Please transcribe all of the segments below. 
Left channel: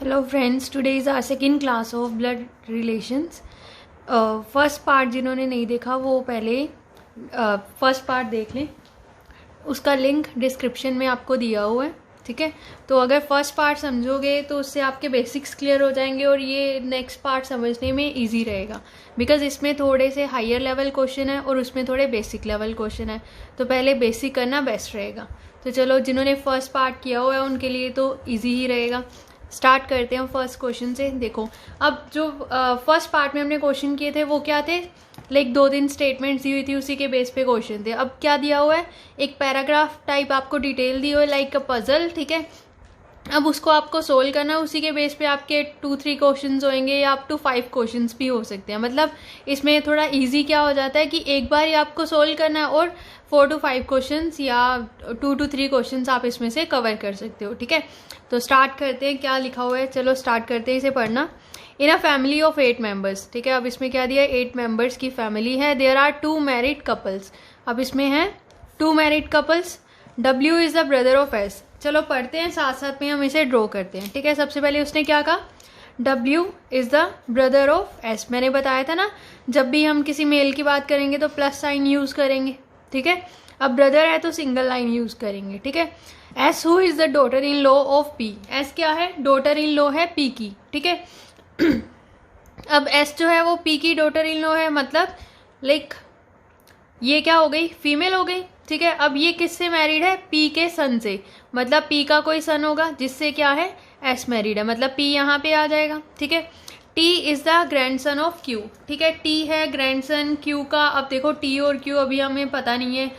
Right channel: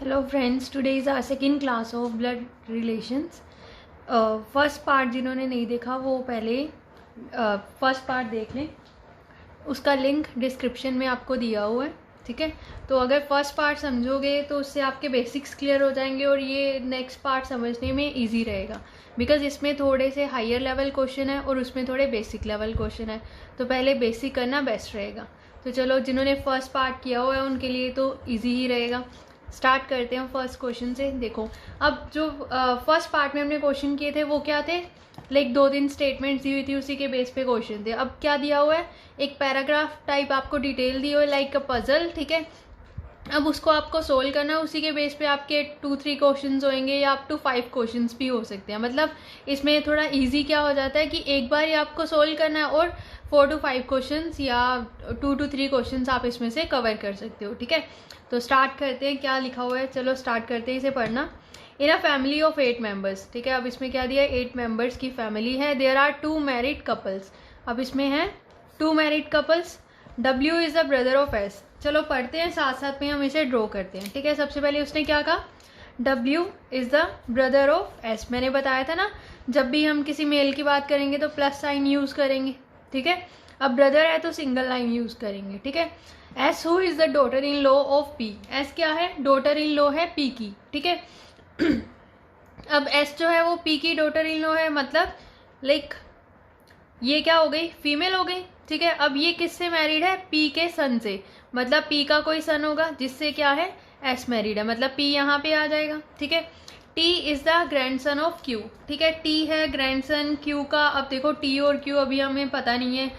Hello friends, today is our second class of blood relations. First part जिन्होंने नहीं देखा वो पहले फर्स्ट पार्ट देख लें, उसका लिंक डिस्क्रिप्शन में आपको दिया हुआ है। ठीक है, तो अगर फर्स्ट पार्ट समझोगे तो उससे आपके बेसिक्स क्लियर हो जाएंगे और ये नेक्स्ट पार्ट समझने में इजी रहेगा, बिकॉज इसमें थोड़े से हायर लेवल क्वेश्चन है और उसमें थोड़े बेसिक लेवल क्वेश्चन है, तो पहले बेसिक करना बेस्ट रहेगा। तो चलो, जिन्होंने फर्स्ट पार्ट किया हुआ है उनके लिए तो ईजी ही रहेगा। स्टार्ट करते हैं फर्स्ट क्वेश्चन से। देखो, अब जो फर्स्ट पार्ट में हमने क्वेश्चन किए थे वो क्या थे, लाइक 2-3 स्टेटमेंट्स दी हुई थी, उसी के बेस पे क्वेश्चन थे। अब क्या दिया हुआ है, एक पैराग्राफ टाइप आपको डिटेल दी हुई है, लाइक अ पजल। ठीक है, अब उसको आपको सोल्व करना है, उसी के बेस पे आपके 2-3 क्वेश्चंस होंगे या अप टू 5 क्वेश्चंस भी हो सकते हैं। मतलब इसमें थोड़ा इजी क्या हो जाता है कि एक बार ही आपको सोल्व करना है और 4 to 5 क्वेश्चंस या 2 to 3 क्वेश्चंस आप इसमें से कवर कर सकते हो। ठीक है, तो स्टार्ट करते हैं। क्या लिखा हुआ है, चलो स्टार्ट करते हैं इसे पढ़ना। इन अ फैमिली ऑफ 8 मेंबर्स। ठीक है, अब इसमें क्या दिया है, 8 मेंबर्स की फैमिली है। There are 2 married couples. अब इसमें है 2 married couples. W is the brother of S। चलो पढ़ते हैं, साथ साथ में हम इसे ड्रॉ करते हैं। ठीक है, सबसे पहले उसने क्या कहा, W is the brother of S। मैंने बताया था ना, जब भी हम किसी मेल की बात करेंगे तो प्लस साइन यूज़ करेंगे। ठीक है, अब ब्रदर है तो सिंगल लाइन यूज़ करेंगे। ठीक है, S who is the daughter in law of P। S क्या है, डॉटर इन लॉ है P की। ठीक है, अब S जो है वो P की डॉटर इन लॉ है, मतलब लाइक ये क्या हो गई, फीमेल हो गई। ठीक है, अब ये किससे मैरिड है, P के सन से, मतलब P का कोई सन होगा जिससे क्या है, S मैरिड है, मतलब P यहाँ पे आ जाएगा। ठीक है, T is the grand son of Q। ठीक है, T है ग्रैंड सन Q का। अब देखो T और Q अभी हमें पता नहीं है,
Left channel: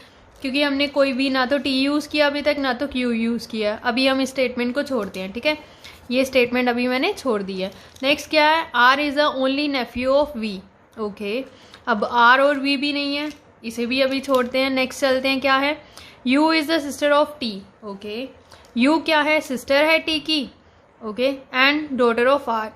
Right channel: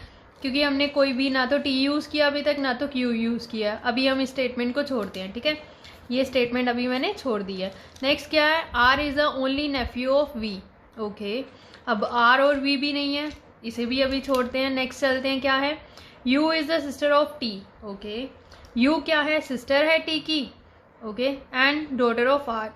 क्योंकि हमने कोई भी ना तो T यूज़ किया अभी तक ना तो Q यूज़ किया। अभी हम इस स्टेटमेंट को छोड़ते हैं। ठीक है, ये स्टेटमेंट अभी मैंने छोड़ दी है। नेक्स्ट क्या है, R is the only Neiphiu of V। Okay, अब R और V भी नहीं है, इसे भी अभी छोड़ते हैं। नेक्स्ट चलते हैं, क्या है, U is the sister of T। Okay, U क्या है, सिस्टर है T की। Okay, and daughter of R।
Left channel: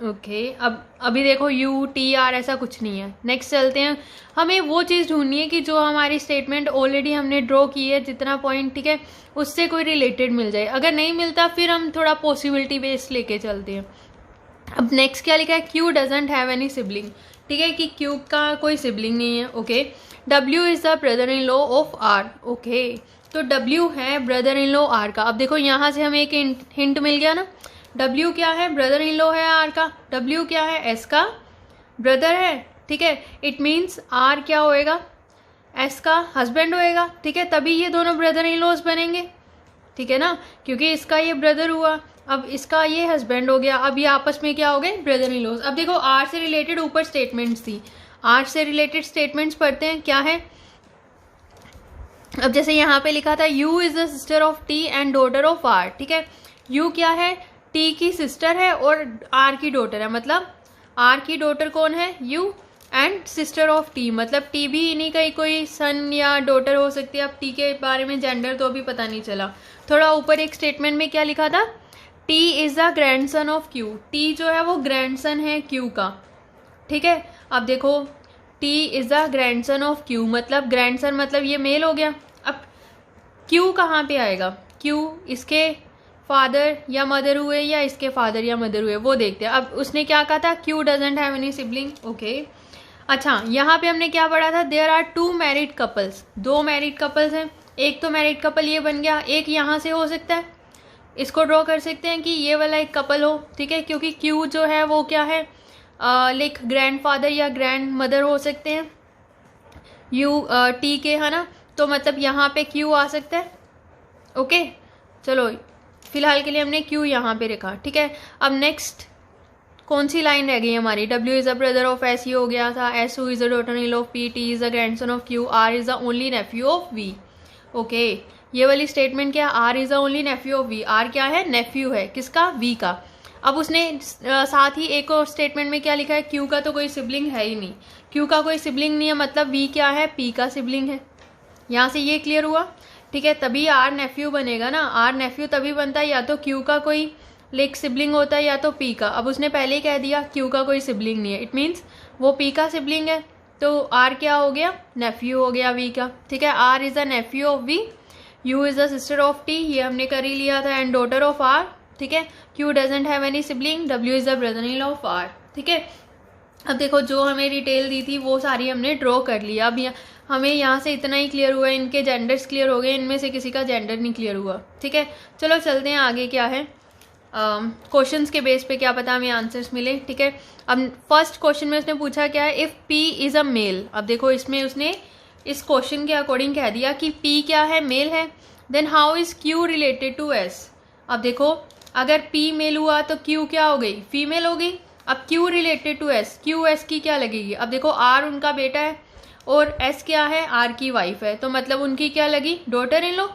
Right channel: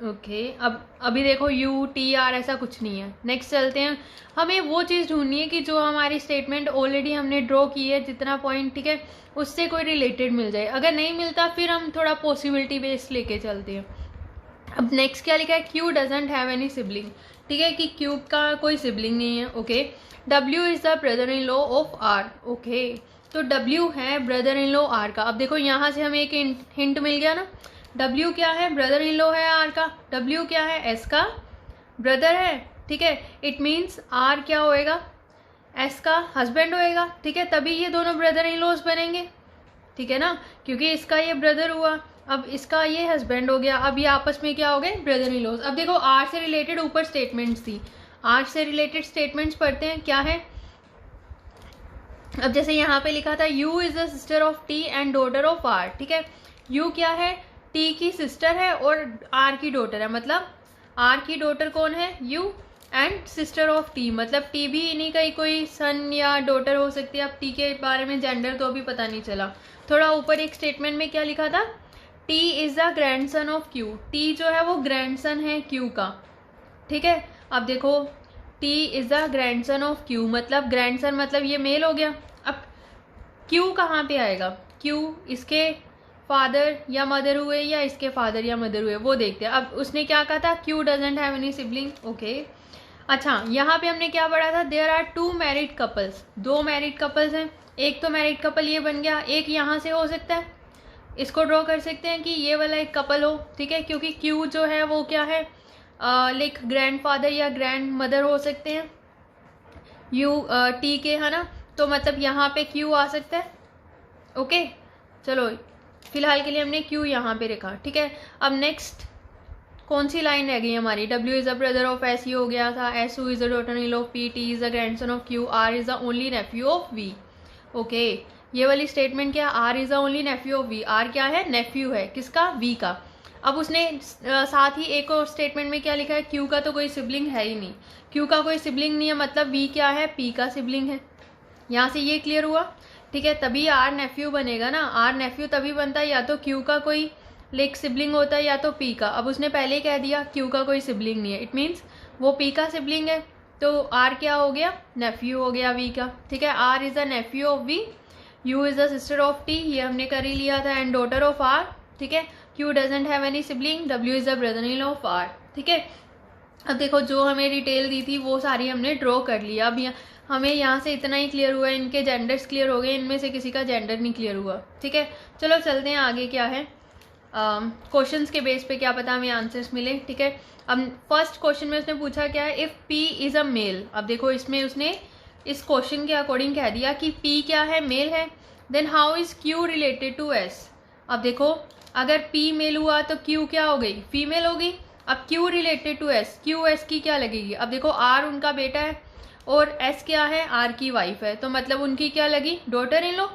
Okay, अब अभी देखो U T R ऐसा कुछ नहीं है। नेक्स्ट चलते हैं, हमें वो चीज़ ढूंढनी है कि जो हमारी स्टेटमेंट ऑलरेडी हमने ड्रॉ की है, जितना पॉइंट, ठीक है, उससे कोई रिलेटेड मिल जाए। अगर नहीं मिलता फिर हम थोड़ा पॉसिबिलिटी बेस्ड लेके चलते हैं। अब नेक्स्ट क्या लिखा है, Q doesn't have any sibling. ठीक है, कि Q का कोई सिबलिंग नहीं है। Okay, W is the brother in law of R। Okay, तो W है ब्रदर इन लॉ R का। अब देखो यहाँ से हमें एक हिंट मिल गया ना, W क्या है, ब्रदर इन लॉ है R का। W क्या है, S का ब्रदर है। ठीक है, इट मीन्स R क्या होएगा, S का हस्बैंड होएगा। ठीक है, तभी ये दोनों ब्रदर इन लॉज बनेंगे। ठीक है ना, क्योंकि इसका ये ब्रदर हुआ, अब इसका ये हस्बैंड हो गया, अब ये आपस में क्या हो गए, ब्रदर इन लॉज। अब देखो R से रिलेटेड ऊपर स्टेटमेंट्स थी, R से रिलेटेड स्टेटमेंट्स पढ़ते हैं। क्या है, अब जैसे यहाँ पे लिखा था U is the sister of T and daughter of R। ठीक है, U क्या है, T की सिस्टर है और R की डॉटर है, मतलब R की डॉटर कौन है, U, and sister of T, मतलब T भी इन्हीं का ही कोई सन या डॉटर हो सकती है। अब T के बारे में जेंडर तो अभी पता नहीं चला। थोड़ा ऊपर एक स्टेटमेंट में क्या लिखा था, T is the grand son of Q। T जो है वो ग्रैंड सन है Q का। ठीक है, अब देखो T is the grand son of Q, मतलब ग्रैंड सन मतलब ये मेल हो गया। अब Q कहाँ पे आएगा, Q इसके फादर या मदर हुए या इसके फादर या मदर हुए, वो देखते हैं। अब उसने क्या कहा था, Q doesn't have any sibling. Okay, अच्छा यहाँ पे हमने क्या पढ़ा था, there are 2 married couples. 2 married couples हैं, एक तो मैरिड कपल ये बन गया, एक यहाँ से हो सकता है, इसको ड्रॉ कर सकते हैं कि ये वाला एक कपल हो। ठीक है, क्योंकि Q जो है वो क्या है, लाइक ग्रैंड फादर या ग्रैंड मदर हो सकते हैं U T के, है ना, तो मतलब यहाँ पे Q आ सकता है। ओके, चलो फिलहाल के लिए हमने Q यहाँ पे रखा। ठीक है, अब नेक्स्ट कौन सी लाइन रह गई हमारी, W is the brother of S, ये हो गया था। S who is the daughter in law of P, T is the grandson of Q, R is the only Neiphiu of V। Okay, ये वाली स्टेटमेंट क्या है, R is the only Neiphiu of V। R क्या है, नेफ्यू है किसका, V का। अब उसने साथ ही एक और स्टेटमेंट में क्या लिखा है, Q का तो कोई सिबलिंग है ही नहीं। Q का कोई सिबलिंग नहीं है, मतलब V क्या है, P का सिबलिंग है। यहाँ से ये क्लियर हुआ। ठीक है, तभी R नेफ्यू बनेगा ना, R नेफ्यू तभी बनता है या तो Q का कोई लाइक सिबलिंग होता है या तो P का। अब उसने पहले ही कह दिया Q का कोई सिबलिंग नहीं है, इट मीन्स वो P का सिबलिंग है, तो R क्या हो गया, नेफ्यू हो गया V का। ठीक है, R is the Neiphiu of V। U is the sister of T, ये हमने कर ही लिया था, एंड डॉटर ऑफ R। ठीक है। Q doesn't have any sibling, W is the brother in law of R, ठीक है। अब देखो जो हमें डिटेल दी थी वो सारी हमने ड्रॉ कर लिया। अब हमें यहाँ से इतना ही क्लियर हुआ, इनके जेंडर्स क्लियर हो गए, इनमें से किसी का जेंडर नहीं क्लियर हुआ, ठीक है। चलो चलते हैं आगे, क्या है क्वेश्चंस के बेस पे क्या पता हमें आंसर्स मिले, ठीक है। अब फर्स्ट क्वेश्चन में उसने पूछा क्या है, if P is a male. अब देखो इसमें उसने इस क्वेश्चन के अकॉर्डिंग कह दिया कि पी क्या है, मेल है। Then how is Q related to S. अब देखो अगर पी मेल हुआ तो क्यू क्या हो गई, फीमेल हो गई। अब Q related to S, Q S की क्या लगेगी। अब देखो आर उनका बेटा है और एस क्या है, आर की वाइफ है, तो मतलब उनकी क्या लगी, डॉटर इन लॉ,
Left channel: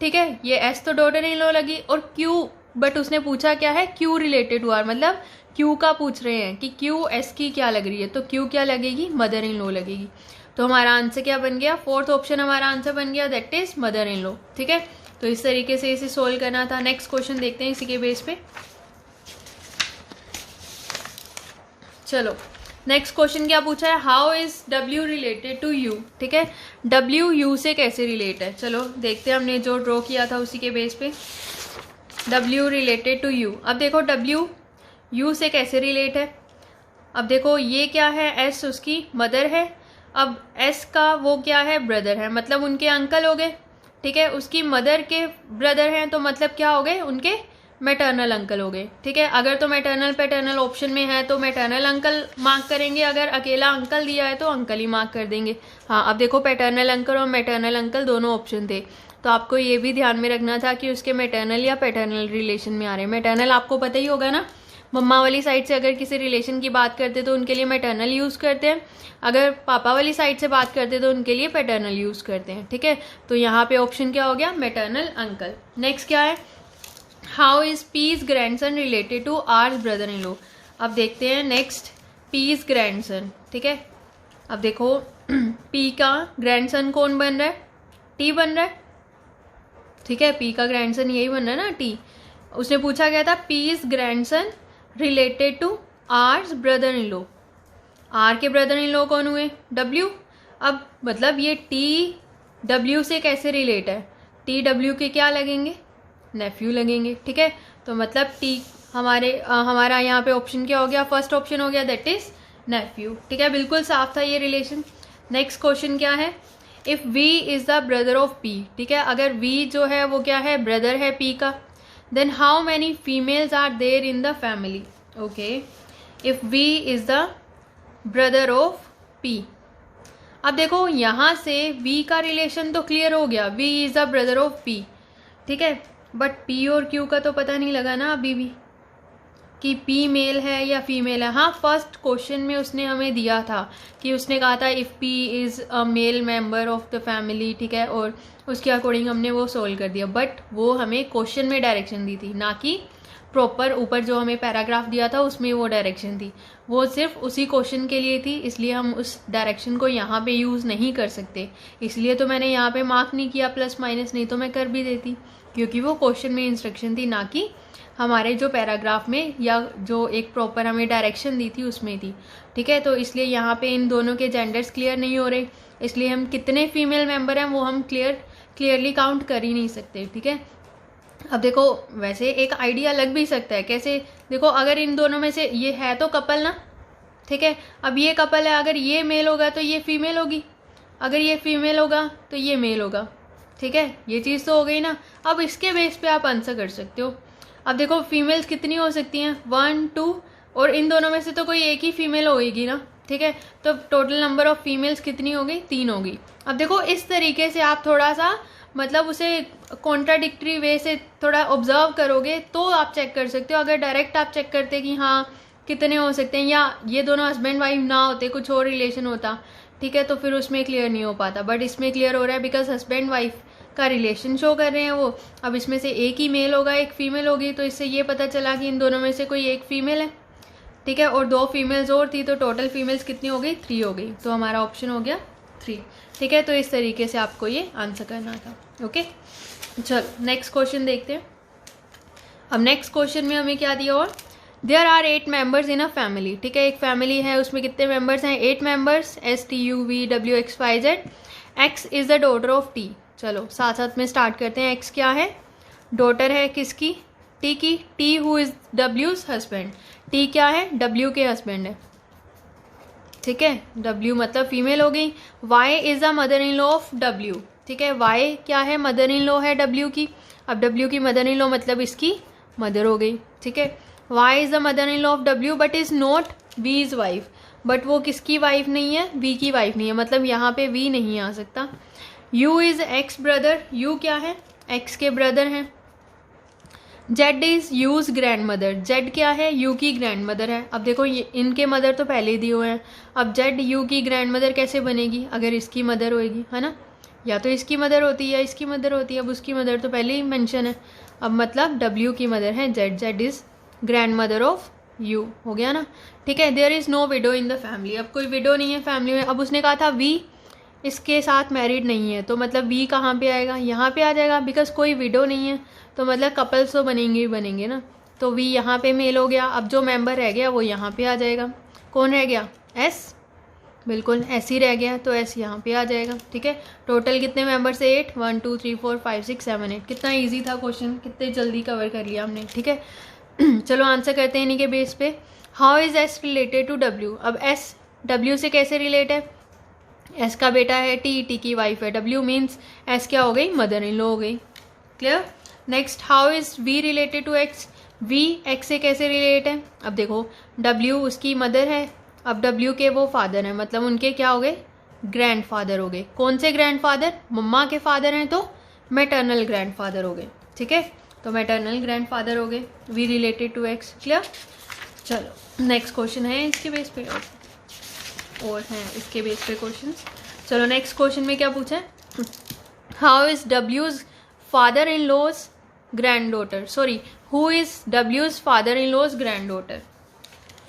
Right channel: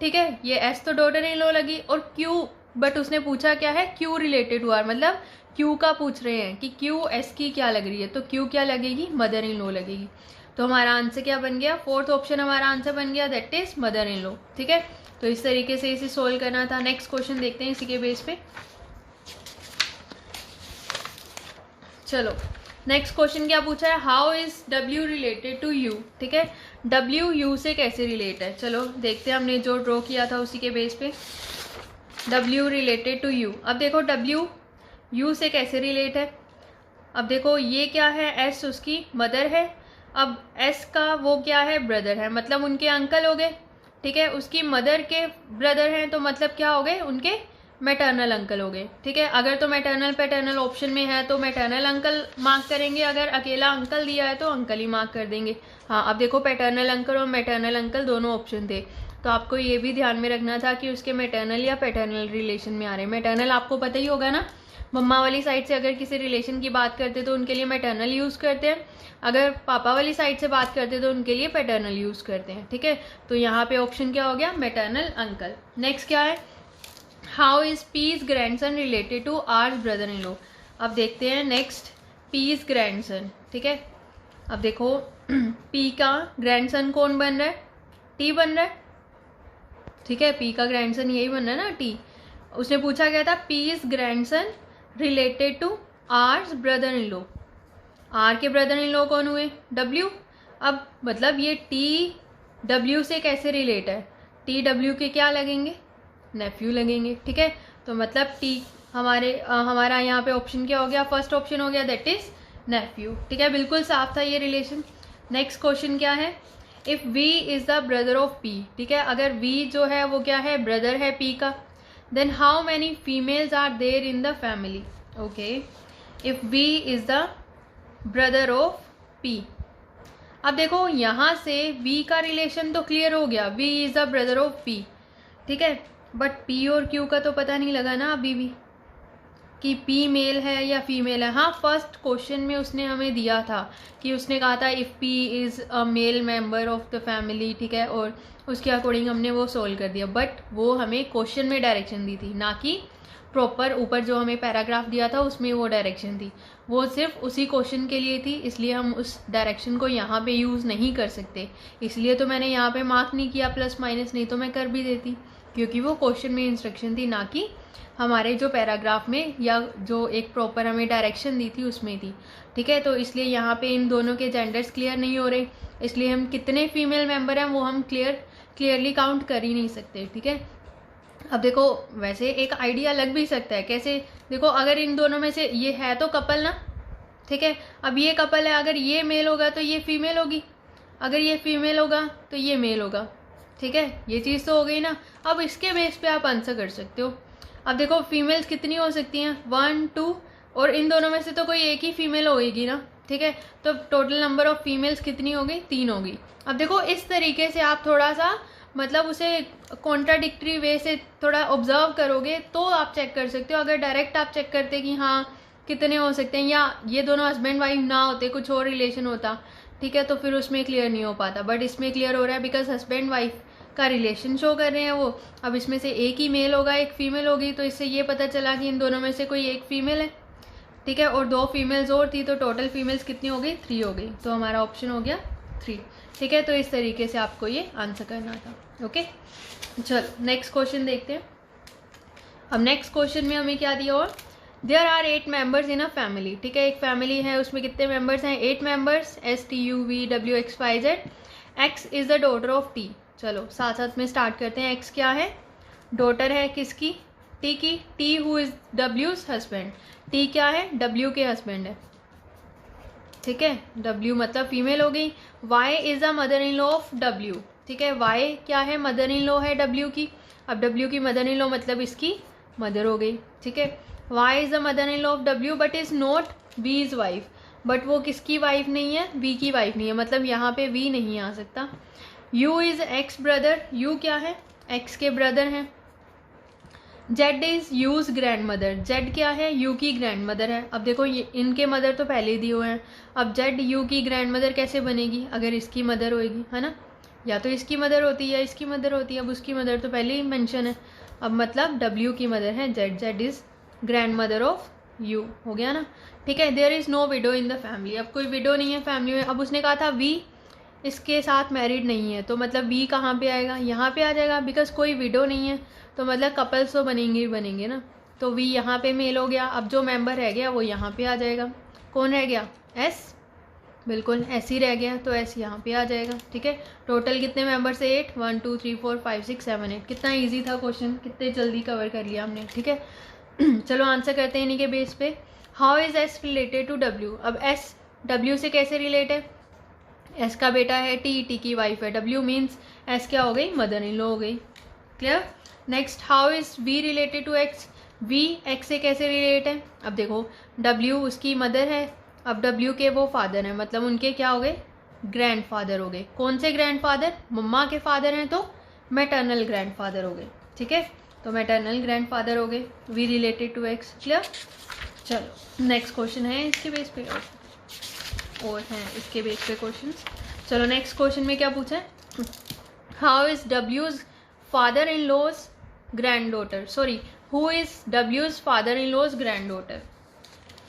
ठीक है। ये एस तो डॉटर इन लॉ लगी, और क्यू, बट उसने पूछा क्या है, क्यू रिलेटेड टू आर, मतलब क्यू का पूछ रहे हैं कि क्यू एस की क्या लग रही है, तो क्यू क्या लगेगी, मदर इन लॉ लगेगी। तो हमारा आंसर क्या बन गया, फोर्थ ऑप्शन हमारा आंसर बन गया, that is mother in law, ठीक है। तो इस तरीके से इसे सोल्व करना था। नेक्स्ट क्वेश्चन देखते हैं इसी के बेस पे। चलो नेक्स्ट क्वेश्चन क्या पूछा है, how is W related to U, ठीक है। डब्ल्यू यू से कैसे रिलेट है, चलो देखते हैं, हमने जो ड्रॉ किया था उसी के बेस पे। डब्ल्यू रिलेटेड टू यू, अब देखो डब्ल्यू यू से कैसे रिलेट है। अब देखो ये क्या है, एस उसकी मदर है, अब एस का वो क्या है, ब्रदर है, मतलब उनके अंकल हो गए, ठीक है। उसकी मदर के ब्रदर हैं तो मतलब क्या हो गए, उनके मैटरनल अंकल हो गए, ठीक है। अगर तो मैटरनल पैटर्नल ऑप्शन में है तो मैटरनल अंकल मार्क करेंगे, अगर अकेला अंकल दिया है तो अंकल ही मार्क कर देंगे। हाँ अब देखो पैटर्नल अंकल और मैटरनल अंकल दोनों ऑप्शन थे, तो आपको ये भी ध्यान में रखना था कि उसके मैटरनल या पैटर्नल रिलेशन में आ रहे हैं। मैटरनल आपको पता ही होगा ना, मम्मा वाली साइड से अगर किसी रिलेशन की बात करते तो उनके लिए मैटरनल यूज़ करते हैं, अगर पापा वाली साइड से बात करते तो उनके लिए पैटर्नल यूज़ करते हैं, ठीक है। तो यहाँ पे ऑप्शन क्या हो गया, मैटरनल अंकल। नेक्स्ट क्या है, how is P's grandson related to R's brother in law. अब देखते हैं नेक्स्ट, पीज ग्रैंडसन, ठीक है। अब देखो पी का ग्रैंडसन कौन बन रहा है, टी बन रहा है, ठीक है। पी का ग्रैंडसन यही बन रहा है ना, टी। उसने पूछा गया था P's grandson related to R's brother in law, R के ब्रदर इन लॉ कौन हुए, डब्ल्यू। अब मतलब ये टी डब्ल्यू से कैसे रिलेट है, टी डब्ल्यू के क्या लगेंगे, नेफ्यू लगेंगे, ठीक है। तो मतलब टी हमारा यहाँ पे ऑप्शन क्या हो गया, फर्स्ट ऑप्शन हो गया, दैट इज नेफ्यू, ठीक है। बिल्कुल साफ था ये रिलेशन। नेक्स्ट क्वेश्चन क्या है, if V is the brother of P, ठीक है। अगर वी जो है वो क्या है, ब्रदर है पी का, then how many females are there in the family, okay. If V is the brother of P, अब देखो यहाँ से V का रिलेशन तो क्लियर हो गया, V is the brother of P, ठीक है। बट P और Q का तो पता नहीं लगा ना अभी भी कि P मेल है या फीमेल है। हाँ फर्स्ट क्वेश्चन में उसने हमें दिया था कि उसने कहा था if P is a male member of the family, ठीक है, और उसके अकॉर्डिंग हमने वो सोल्व कर दिया, बट वो हमें क्वेश्चन में डायरेक्शन दी थी, ना कि प्रॉपर ऊपर जो हमें पैराग्राफ दिया था उसमें वो डायरेक्शन थी। वो सिर्फ उसी क्वेश्चन के लिए थी, इसलिए हम उस डायरेक्शन को यहाँ पे यूज़ नहीं कर सकते, इसलिए तो मैंने यहाँ पे मार्क नहीं किया प्लस माइनस, नहीं तो मैं कर भी देती, क्योंकि वो क्वेश्चन में इंस्ट्रक्शन थी, ना कि हमारे जो पैराग्राफ में या जो एक प्रॉपर हमें डायरेक्शन दी थी उसमें थी, ठीक है। तो इसलिए यहाँ पे इन दोनों के जेंडर्स क्लियर नहीं हो रहे, इसलिए हम कितने फीमेल मेंबर हैं वो हम क्लियरली काउंट कर ही नहीं सकते, ठीक है। अब देखो वैसे एक आइडिया लग भी सकता है, कैसे, देखो अगर इन दोनों में से ये है तो कपल ना, ठीक है। अब ये कपल है, अगर ये मेल होगा तो ये फीमेल होगी, अगर ये फीमेल होगा तो ये मेल होगा, ठीक है। ये चीज़ तो हो गई ना। अब इसके बेस पे आप आंसर कर सकते हो। अब देखो फीमेल्स कितनी हो सकती हैं, 1 2, और इन दोनों में से तो कोई एक ही फीमेल होगी ना, ठीक है। तो टोटल नंबर ऑफ फीमेल्स कितनी हो गई, 3 होगी। अब देखो इस तरीके से आप थोड़ा सा मतलब उसे कॉन्ट्राडिक्टरी वे से थोड़ा ऑब्जर्व करोगे तो आप चेक कर सकते हो। अगर डायरेक्ट आप चेक करते कि हाँ कितने हो सकते हैं, या ये दोनों हस्बैंड वाइफ ना होते, कुछ और रिलेशन होता, ठीक है, तो फिर उसमें क्लियर नहीं हो पाता, बट इसमें क्लियर हो रहा है बिकॉज हस्बैंड वाइफ का रिलेशन शो कर रहे हैं वो। अब इसमें से एक ही मेल होगा, एक फीमेल होगी, तो इससे ये पता चला कि इन दोनों में से कोई एक फीमेल है, ठीक है, और 2 फीमेल्स और थी, तो टोटल फीमेल्स कितनी हो गई, 3 हो गई, तो हमारा ऑप्शन हो गया 3, ठीक है। तो इस तरीके से आपको ये आंसर करना था, ओके। चलो नेक्स्ट क्वेश्चन देखते हैं। अब नेक्स्ट क्वेश्चन में हमें क्या दिया, और there are 8 members in a family, ठीक है। एक फैमिली है, उसमें कितने मेंबर्स हैं, 8 members, STUVWXYZ। X is the daughter of T। चलो साथ साथ में स्टार्ट करते हैं। X क्या है, डॉटर है किसकी, टी की, टी हु इज डब्ल्यूज हस्बैंड, टी क्या है, डब्ल्यू के हस्बैंड है, ठीक है, डब्ल्यू मतलब फीमेल हो गई। Y is the mother in law of W, ठीक है, वाई क्या है, मदर इन लॉ है डब्ल्यू की। अब डब्ल्यू की मदर इन लॉ मतलब इसकी मदर हो गई, ठीक है। Y is the mother in law of W but is not V is wife, but वो किसकी वाइफ नहीं है, वी की वाइफ नहीं है, मतलब यहाँ पे वी नहीं आ सकता। You is x brother, you क्या है, एक्स के ब्रदर हैं। Z is use grand mother, Z क्या है, यू की ग्रैंड मदर है। अब देखो ये इनके मदर तो पहले ही दिए हुए हैं, अब जेड यू की ग्रैंड मदर कैसे बनेगी, अगर इसकी मदर होएगी, है ना, या तो इसकी मदर होती है या इसकी मदर होती है। अब उसकी मदर तो पहले ही मेंशन है, अब मतलब डब्ल्यू की मदर है Z, Z is grand mother of U, हो गया ना, ठीक है। There is no widow in the family, अब कोई विडो नहीं है फैमिली में। अब उसने कहा था वी इसके साथ मैरिड नहीं है, तो मतलब वी कहाँ पे आएगा, यहाँ पे आ जाएगा, बिकॉज कोई विडो नहीं है, तो मतलब कपल्स तो बनेंगे ही बनेंगे ना, तो वी यहाँ पे मेल हो गया। अब जो मेंबर रह गया वो यहाँ पे आ जाएगा, कौन रह गया, एस, बिल्कुल एस ही रह गया, तो एस यहाँ पे आ जाएगा, ठीक है। टोटल कितने मेंबर्स है, 8, 1 2 3 4 5 6 7 8। कितना इजी था क्वेश्चन, कितने जल्दी कवर कर लिया हमने, ठीक है। चलो आंसर करते हैं इन्हीं के बेस पे। How is S related to W, अब एस डब्ल्यू से कैसे रिलेट है, एस का बेटा है, टी, टी की वाइफ है, डब्ल्यू मीन्स एस क्या हो गई, मदर इन लॉ हो गई, clear. Next, how is V related to X, V X से कैसे रिलेट है, अब देखो डब्ल्यू उसकी मदर है, अब डब्ल्यू के वो फादर हैं, मतलब उनके क्या हो गए, ग्रैंड फादर हो गए। कौन से ग्रैंड फादर, मम्मा के फादर हैं तो मैटरनल ग्रैंड फादर हो गए, ठीक है, तो मैटरनल ग्रैंड फादर हो गए, V related to X, clear. चलो नेक्स्ट क्वेश्चन है इसके बेस पे, और हैं इसके बेस पे क्वेश्चन। चलो नेक्स्ट क्वेश्चन में क्या पूछा है, हाउ इज डब्ल्यूज father in law's grand daughter, sorry who is डब्ल्यूज father in law's grand daughter,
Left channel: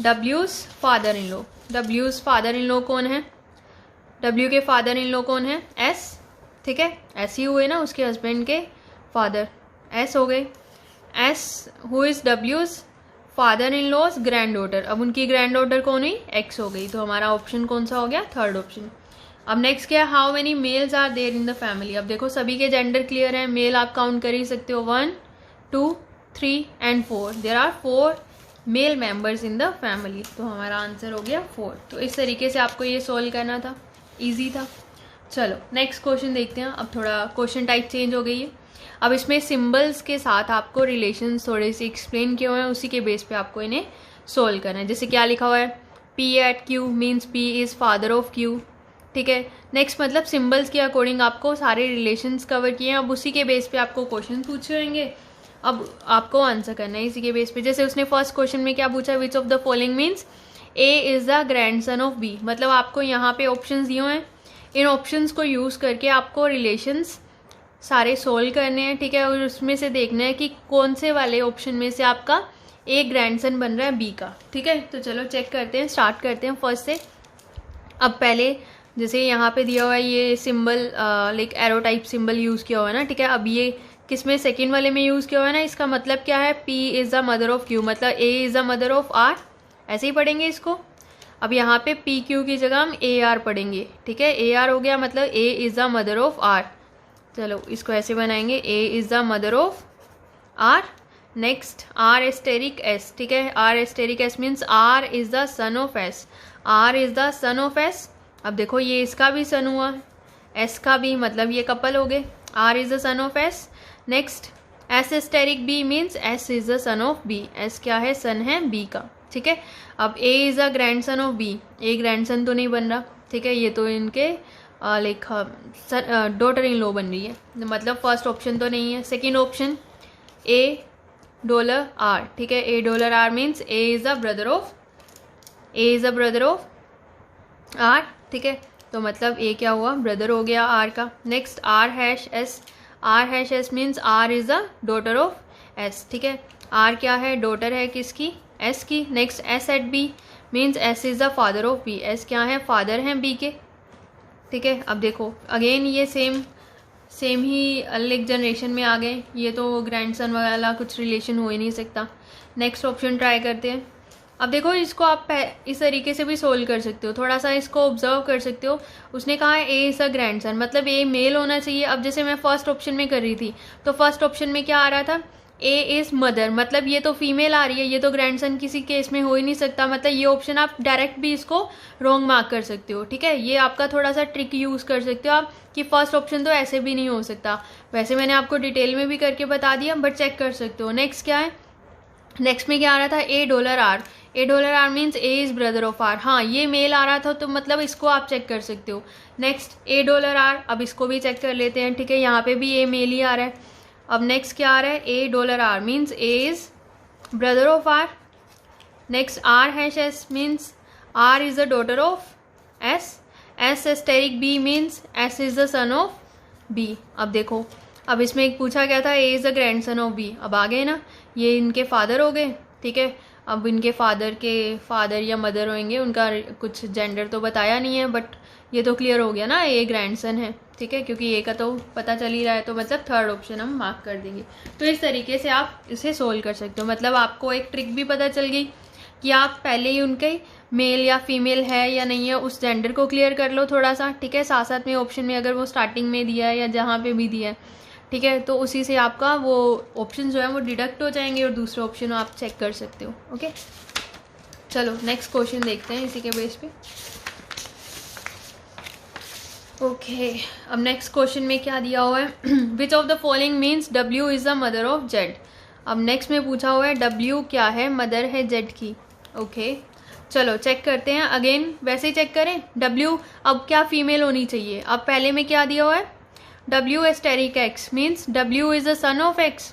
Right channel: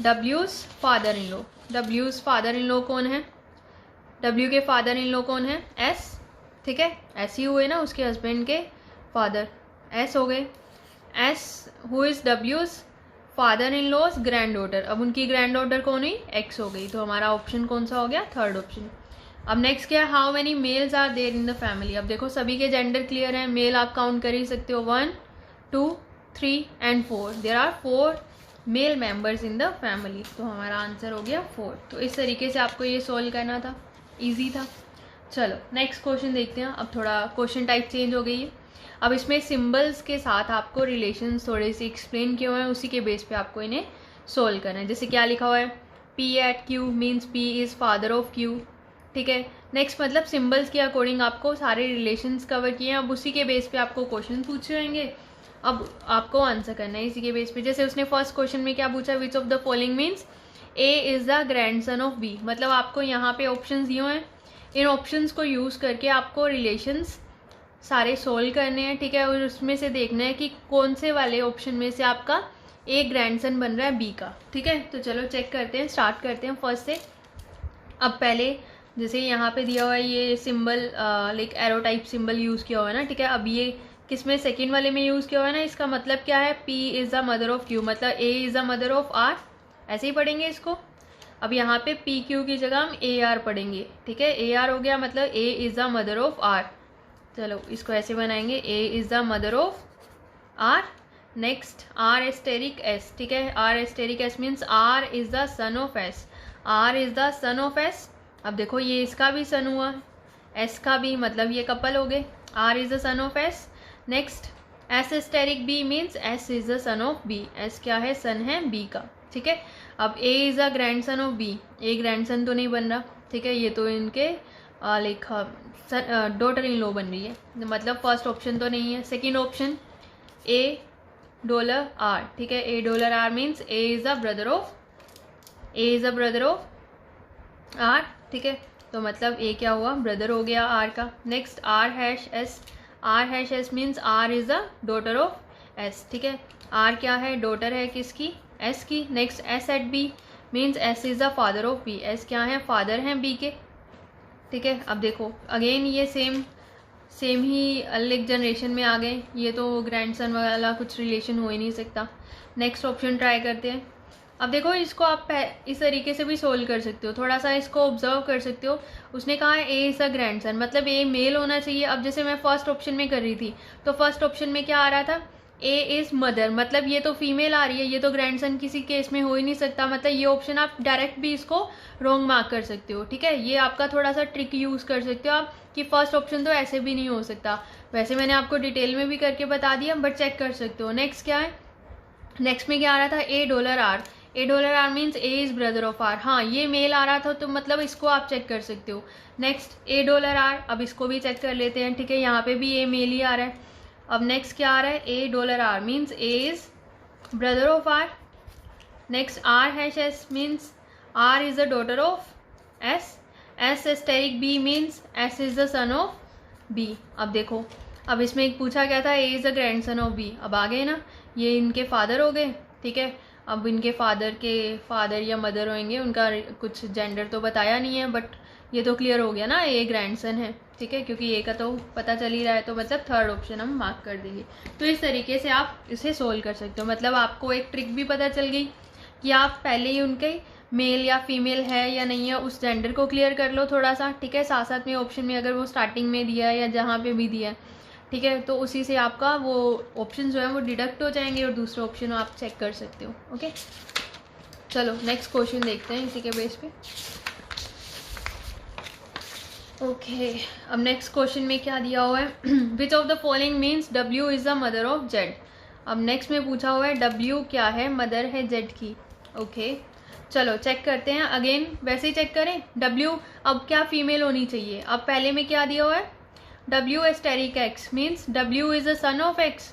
डब्ल्यूज father in law, डब्ल्यूज father in law कौन है, डब्ल्यू के फादर इन लॉ कौन है, एस, ठीक है, एस ही हुए ना, उसके हस्बैंड के फादर एस हो गए। एस हु इज डब्ल्यूज father in law's granddaughter, अब उनकी ग्रैंड डॉटर कौन हुई, एक्स हो गई, तो हमारा ऑप्शन कौन सा हो गया, थर्ड ऑप्शन। अब नेक्स्ट क्या है, how many males are there in the family, अब देखो सभी के जेंडर क्लियर हैं, मेल आप काउंट कर ही सकते हो, 1 2 3 and 4, there are 4 male members in the family, तो हमारा आंसर हो गया 4। तो इस तरीके से आपको ये सॉल्व करना था, इजी था। चलो नेक्स्ट क्वेश्चन देखते हैं, अब थोड़ा क्वेश्चन टाइप चेंज हो गई है, अब इसमें सिंबल्स के साथ आपको रिलेशंस थोड़े से एक्सप्लेन किए हुए हैं, उसी के बेस पे आपको इन्हें सोल्व करना है। जैसे क्या लिखा हुआ है, P at Q means P is father of Q, ठीक है। नेक्स्ट मतलब सिंबल्स के अकॉर्डिंग आपको सारे रिलेशंस कवर किए हैं, अब उसी के बेस पे आपको क्वेश्चन पूछे होंगे, अब आपको आंसर करना है इसी के बेस पे। जैसे उसने फर्स्ट क्वेश्चन में क्या पूछा, which of the following means A is the grand son of B, मतलब आपको यहाँ पे ऑप्शंस दिए हुए हैं, इन ऑप्शंस को यूज़ करके आपको रिलेशंस सारे सोल्व करने हैं, ठीक है, और उसमें से देखना है कि कौन से वाले ऑप्शन में से आपका ए ग्रैंडसन बन रहा है बी का, ठीक है। तो चलो चेक करते हैं, स्टार्ट करते हैं फर्स्ट से। अब पहले जैसे यहाँ पे दिया हुआ है ये symbol, like arrow type symbol use किया हुआ है ना, ठीक है। अब ये किस में, सेकेंड वाले में यूज़ किया हुआ है ना, इसका मतलब क्या है, P is the mother of Q, मतलब A is the mother of R, ऐसे ही पढ़ेंगे इसको। अब यहाँ पे पी क्यू की जगह हम ए आर पढ़ेंगे, ठीक है, ए आर हो गया, मतलब A is the mother of R, चलो इसको ऐसे बनाएंगे, A is the mother of R. Next R asterisk S, ठीक है, R asterisk S means R is the son of S, R is the son of S. अब देखो ये इसका भी सन हुआ, एस का भी, मतलब ये कपल हो गए, R is the son of S. Next S asterisk B means S is the son of B, S क्या है, सन है बी का, ठीक है। अब A is the grand son of B, A grand son तो नहीं बन रहा, ठीक है, ये तो इनके लाइक डॉटर इन लॉ बन रही है, मतलब फर्स्ट ऑप्शन तो नहीं है। Second option A dollar R, ठीक है, A dollar R means A is the brother of, A is the brother of R, ठीक है, तो मतलब ए क्या हुआ, ब्रदर हो गया आर का। Next R hash S, R hash S means R is the daughter of S, ठीक है, आर क्या है, डॉटर है किसकी, एस की। Next S at B means S is the father of B, S क्या है, फादर हैं बी के, ठीक है। अब देखो अगेन ये सेम ही अलग जनरेशन में आ गए, ये तो ग्रैंडसन वाला कुछ रिलेशन हो ही नहीं सकता। नेक्स्ट ऑप्शन ट्राई करते हैं। अब देखो इसको आप इस तरीके से भी सोल्व कर सकते हो, थोड़ा सा इसको ऑब्जर्व कर सकते हो। उसने कहा है ए इज़ अ ग्रैंडसन, मतलब ए मेल होना चाहिए। अब जैसे मैं फर्स्ट ऑप्शन में कर रही थी, तो फर्स्ट ऑप्शन में क्या आ रहा था, ए इज़ मदर, मतलब ये तो फीमेल आ रही है, ये तो ग्रैंडसन किसी केस में हो ही नहीं सकता, मतलब ये ऑप्शन आप डायरेक्ट भी इसको रॉन्ग मार्क कर सकते हो, ठीक है। ये आपका थोड़ा सा ट्रिक यूज़ कर सकते हो आप कि फर्स्ट ऑप्शन तो ऐसे भी नहीं हो सकता। वैसे मैंने आपको डिटेल में भी करके बता दिया, बट चेक कर सकते हो। नेक्स्ट क्या है, नेक्स्ट में क्या आ रहा था, $. $. Means A is brother of R. हाँ, ये मेल आ रहा था तो मतलब इसको आप चेक कर सकते हो। नेक्स्ट $. अब इसको भी चेक कर लेते हैं, ठीक है। यहाँ पे भी ए मेल ही आ रहा है। अब नेक्स्ट क्या आ रहा है, $. Means A is brother of R. Next R#S means R is the daughter of S। S** B means S is the son of B। अब देखो, अब इसमें एक पूछा गया था A is the grand son of B। अब आ गए ना, ये इनके फादर हो गए, ठीक है। अब इनके फादर के फादर या मदर होंगे, उनका कुछ जेंडर तो बताया नहीं है, बट ये तो क्लियर हो गया ना, ए ग्रैंडसन है, ठीक है, क्योंकि ए का तो पता चल ही रहा है, तो मतलब थर्ड ऑप्शन हम मार्क कर देंगे। तो इस तरीके से आप इसे सोल्व कर सकते हो। मतलब आपको एक ट्रिक भी पता चल गई कि आप पहले ही उनके मेल या फीमेल है या नहीं है उस जेंडर को क्लियर कर लो थोड़ा सा, ठीक है। साथ साथ में ऑप्शन में अगर वो स्टार्टिंग में दिया है या जहाँ पे भी दिया है, ठीक है, तो उसी से आपका वो ऑप्शन जो है वो डिडक्ट हो जाएंगे और दूसरे ऑप्शन आप चेक कर सकते हो। ओके, चलो नेक्स्ट क्वेश्चन देखते हैं इसी के बेस पे। ओके, अब नेक्स्ट क्वेश्चन में क्या दिया हुआ है, विच of the following means W is the mother of Z। अब नेक्स्ट में पूछा हुआ है W क्या है, मदर है Z की। ओके, चलो चेक करते हैं अगेन, वैसे ही चेक करें। W अब क्या फीमेल होनी चाहिए। अब पहले में क्या दिया हुआ है, W*X means W is the son of X।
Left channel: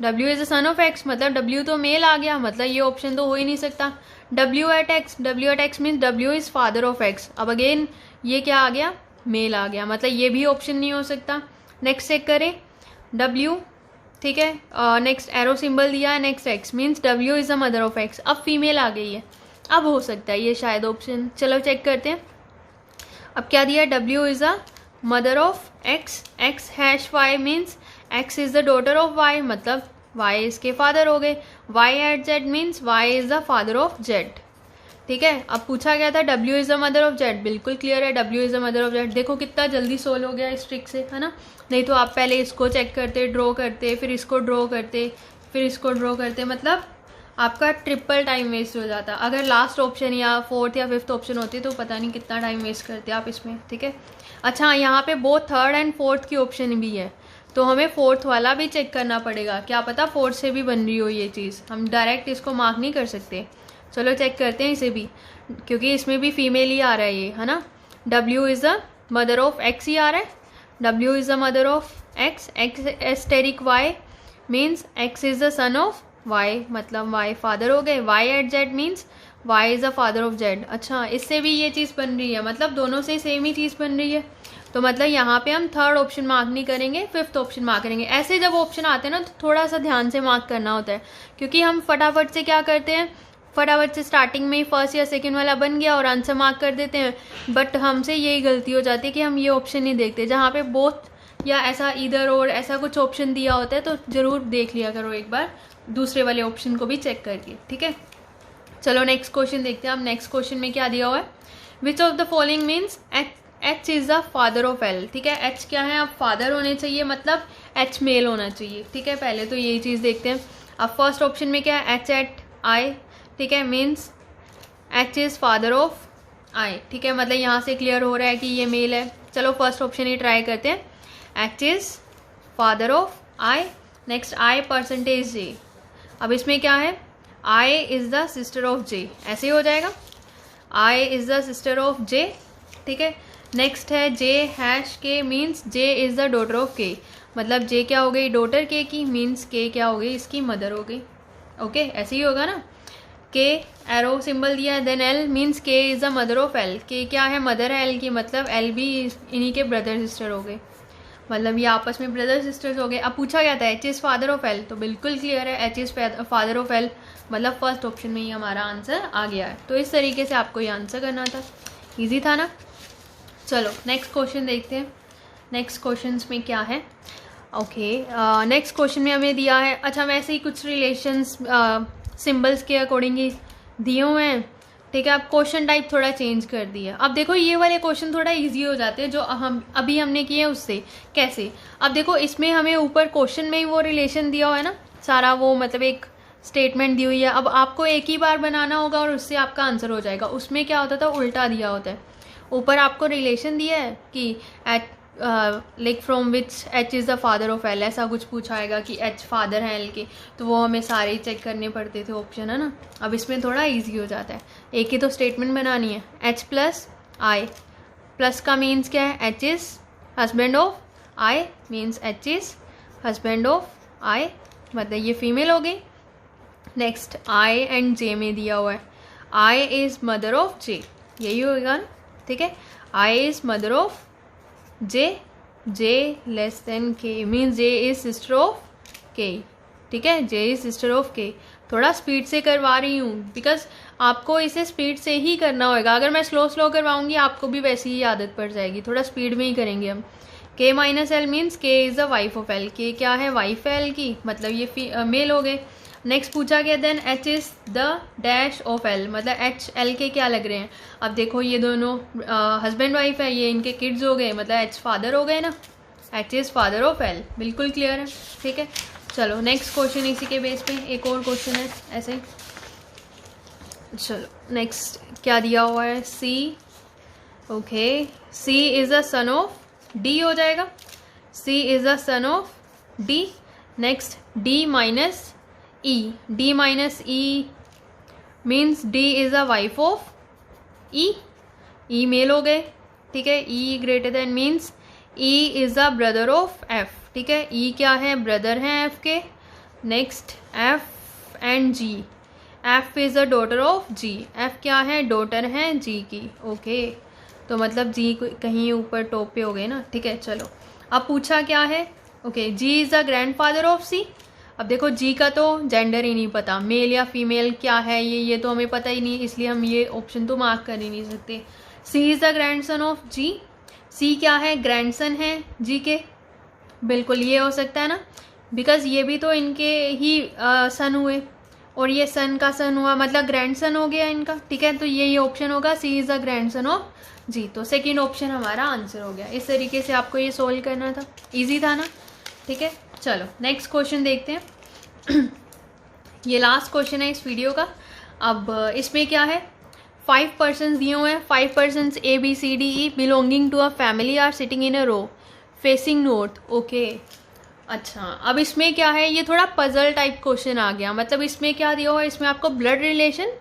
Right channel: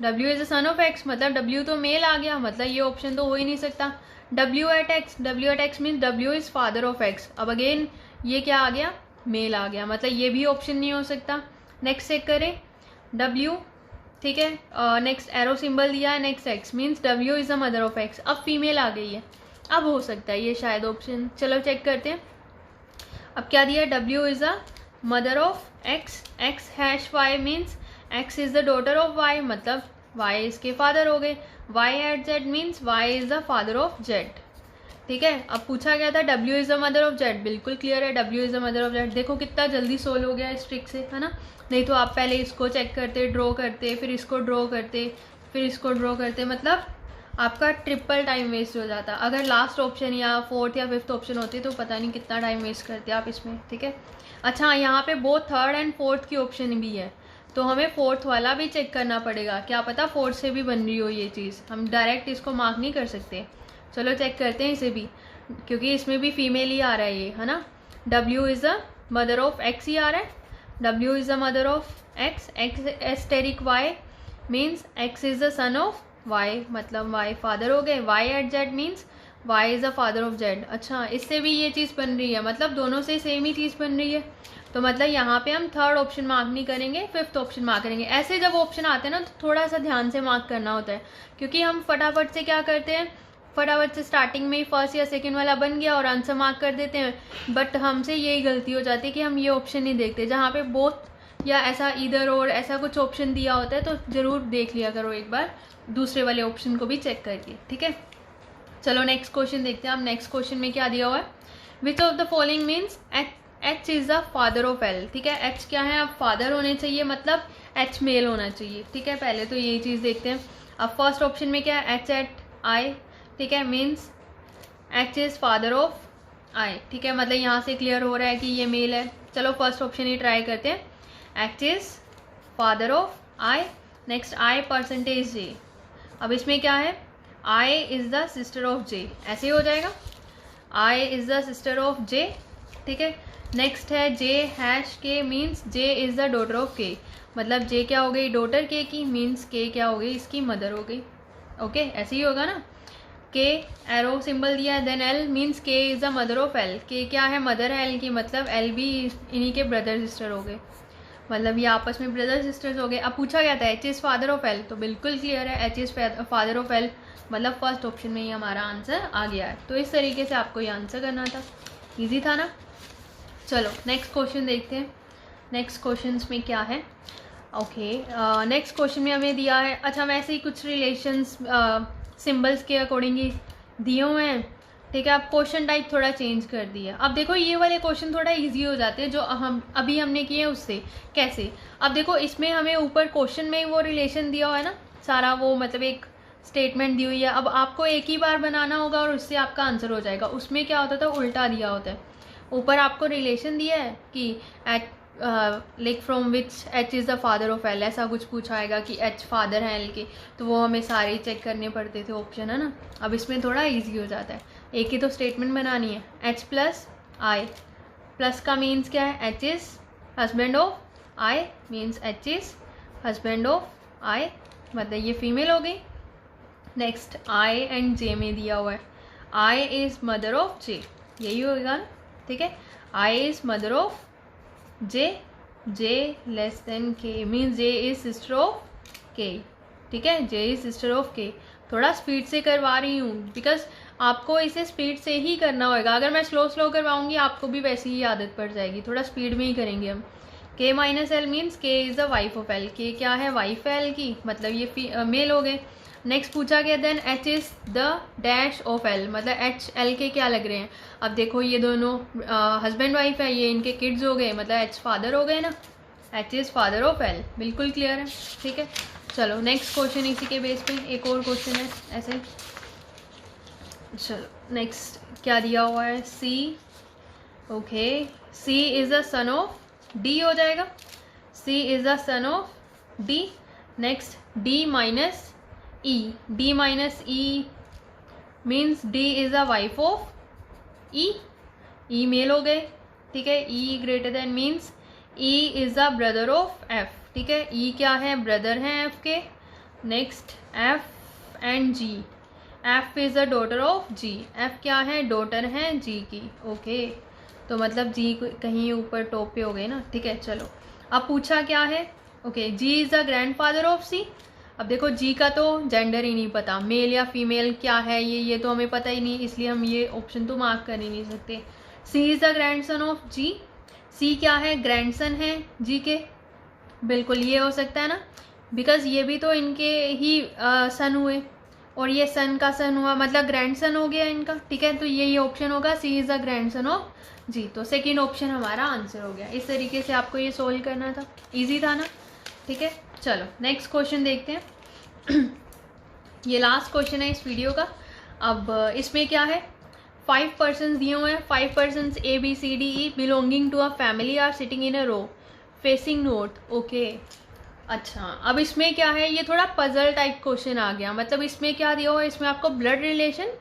W is the son of X, मतलब W तो मेल आ गया, मतलब ये ऑप्शन तो हो ही नहीं सकता। W@X means W is father of X। अब अगेन ये क्या आ गया, मेल आ गया, मतलब ये भी ऑप्शन नहीं हो सकता। नेक्स्ट चेक करें, W, ठीक है, नेक्स्ट एरो सिंबल दिया है, next X means W is the mother of X। अब फीमेल आ गई है, अब हो सकता है ये शायद ऑप्शन। चलो चेक करते हैं। अब क्या दिया, W is the mother of X, X#Y means X is the daughter of Y, मतलब Y इसके फादर हो गए। Y@Z means Y is the father of Z, ठीक है। अब पूछा गया था W is the mother of Z, बिल्कुल क्लियर है, W is the mother of Z। देखो कितना जल्दी सोल्व हो गया इस ट्रिक से, है ना। नहीं तो आप पहले इसको चेक करते, ड्रॉ करते, फिर इसको ड्रॉ करते, फिर इसको ड्रॉ करते, मतलब आपका ट्रिपल टाइम वेस्ट हो जाता। अगर लास्ट ऑप्शन या फोर्थ या फिफ्थ ऑप्शन होती तो पता नहीं कितना टाइम वेस्ट करते आप इसमें, ठीक है। अच्छा, यहाँ पे बोथ थर्ड एंड फोर्थ की ऑप्शन भी है, तो हमें फोर्थ वाला भी चेक करना पड़ेगा, क्या पता फोर्थ से भी बन रही हो ये चीज़, हम डायरेक्ट इसको मार्क नहीं कर सकते। चलो चेक करते हैं इसे भी, क्योंकि इसमें भी फीमेल ही आ रहा है ये, है ना। W is the mother of X ही आ रहा है, W is the mother of X, X*Y means X is the son of Y, मतलब Y फादर हो गए। Y@Z means Y is the father of Z। अच्छा, इससे भी ये चीज़ बन रही है, मतलब दोनों से सेम ही चीज़ बन रही है, तो मतलब यहाँ पे हम थर्ड ऑप्शन मार्क नहीं करेंगे, फिफ्थ ऑप्शन मार्क करेंगे। ऐसे जब ऑप्शन आते हैं ना तो थोड़ा सा ध्यान से मार्क करना होता है, क्योंकि हम फटाफट से क्या करते हैं, फटाफट से स्टार्टिंग में ही फर्स्ट या सेकंड वाला बन गया और आंसर मार्क कर देते हैं, बट हमसे यही गलती हो जाती है कि हम ये ऑप्शन नहीं देखते जहाँ पे बोथ या ऐसा इधर और ऐसा कुछ ऑप्शन दिया होता है, तो ज़रूर देख लिया करो एक बार दूसरे वाले ऑप्शन को भी चेक करके, ठीक है। चलो नेक्स्ट क्वेश्चन देखते हैं। अब नेक्स्ट क्वेश्चन में क्या दिया हुआ है, विच of the following means H is the father of L, ठीक है। H क्या है, अब फादर होने चाहिए, मतलब H मेल होना चाहिए, ठीक है। पहले तो यही चीज़ देखते हैं। अब फर्स्ट ऑप्शन में क्या है, H@I, ठीक है, means H is father of I, ठीक है, मतलब यहाँ से क्लियर हो रहा है कि ये मेल है। चलो फर्स्ट ऑप्शन ही ट्राई करते हैं, H is father of I, next I%J। अब इसमें क्या है, I is the sister of J, ऐसे ही हो जाएगा, I is the sister of J, ठीक है। नेक्स्ट है J#K means J is the daughter of K, मतलब J क्या हो गई, डॉटर K की, मीन्स K क्या हो गई, इसकी मदर हो गई। ओके, ऐसे ही होगा ना। K एरो सिंबल दिया, then L means K is the mother of L, K क्या है, मदर है L की, मतलब L भी इन्हीं के ब्रदर सिस्टर हो गए, मतलब ये आपस में ब्रदर सिस्टर्स हो गए। अब पूछा गया था H is father of L, तो बिल्कुल क्लियर है, H is father of L, मतलब फर्स्ट ऑप्शन में ही हमारा आंसर आ गया है। तो इस तरीके से आपको ये आंसर करना था, ईजी था ना। चलो नेक्स्ट क्वेश्चन देखते हैं। नेक्स्ट क्वेश्चन में क्या है, ओके, नेक्स्ट क्वेश्चन में हमें दिया है, अच्छा वैसे ही कुछ रिलेशंस सिंबल्स के अकॉर्डिंग ही दिए हुए हैं, ठीक है। अब क्वेश्चन टाइप थोड़ा चेंज कर दिया। अब देखो ये वाले क्वेश्चन थोड़ा इजी हो जाते हैं जो हम अभी हमने किए हैं उससे। कैसे, अब देखो इसमें हमें ऊपर क्वेश्चन में ही वो रिलेशन दिया हुआ है ना, सारा वो मतलब एक स्टेटमेंट दी हुई है। अब आपको एक ही बार बनाना होगा और उससे आपका आंसर हो जाएगा। उसमें क्या होता था, उल्टा दिया होता है। ऊपर आपको रिलेशन दिया है कि at like from which H is the father of L, ऐसा कुछ पूछा आएगा कि एच फादर है एल के, तो वो हमें सारे चेक करने पड़ते थे ऑप्शन, है ना। अब इसमें थोड़ा ईजी हो जाता है, एक ही तो स्टेटमेंट बनानी है। एच प्लस आई, प्लस का मीन्स क्या है, H is husband of I, means H is husband of I, मतलब ये फीमेल हो गई। नेक्स्ट आई एंड जे में दिया हुआ है, I is mother of J, यही होगा ना, ठीक है। I is mother of J, J less than K, means J is sister of K, ठीक है। जे इज सिस्टर ऑफ के। थोड़ा स्पीड से करवा रही हूँ बिकॉज आपको इसे स्पीड से ही करना होगा। अगर मैं स्लो स्लो करवाऊँगी आपको भी वैसी ही आदत पड़ जाएगी, थोड़ा स्पीड में ही करेंगे हम। के माइनस एल मीन्स के is the wife of L, के क्या है, वाइफ है एल की, मतलब ये मेल हो गए। नेक्स्ट पूछा गया then H is the dash of L, मतलब एच एल के क्या लग रहे हैं। अब देखो ये दोनों हस्बैंड वाइफ है, ये इनके किड्स हो गए, मतलब एच फादर हो गए ना, H is father of L, बिल्कुल क्लियर है, ठीक है। चलो नेक्स्ट क्वेश्चन इसी के बेस पे एक और क्वेश्चन है ऐसे ही। चलो नेक्स्ट क्या दिया हुआ है, C, okay, C is the son of D हो जाएगा, C is the son of D. Next D minus E, D minus E means D is the wife of E, E male हो गए, ठीक है। E greater than means E is the brother of F, ठीक है। E क्या है, brother हैं F के। Next F and G, F is the daughter of G, F क्या है, डॉटर हैं जी की, ओके। तो मतलब जी कहीं ऊपर टॉप पे हो गए ना, ठीक है। चलो अब पूछा क्या है, okay, G is the grandfather of C. अब देखो जी का तो जेंडर ही नहीं पता, मेल या फीमेल क्या है ये तो हमें पता ही नहीं, इसलिए हम ये ऑप्शन तो मार्क कर ही नहीं सकते। सी इज़ द ग्रैंडसन ऑफ जी, सी क्या है, ग्रैंडसन है जी के, बिल्कुल ये हो सकता है ना, बिकॉज ये भी तो इनके ही सन हुए और ये सन का सन हुआ, मतलब ग्रैंडसन हो गया इनका, ठीक है। तो ये ऑप्शन होगा, सी इज़ द ग्रैंडसन ऑफ जी, तो सेकेंड ऑप्शन हमारा आंसर हो गया। इस तरीके से आपको ये सोल्व करना था, ईजी था ना, ठीक है। चलो नेक्स्ट क्वेश्चन देखते हैं। ये लास्ट क्वेश्चन है इस वीडियो का। अब इसमें क्या है, 5 पर्सन्स दिए हुए हैं, 5 persons A B C D E belonging to a family are sitting in a row facing north, okay. अच्छा अब इसमें क्या है, ये थोड़ा पजल टाइप क्वेश्चन आ गया। मतलब इसमें क्या दिया हुआ है, इसमें आपको ब्लड रिलेशन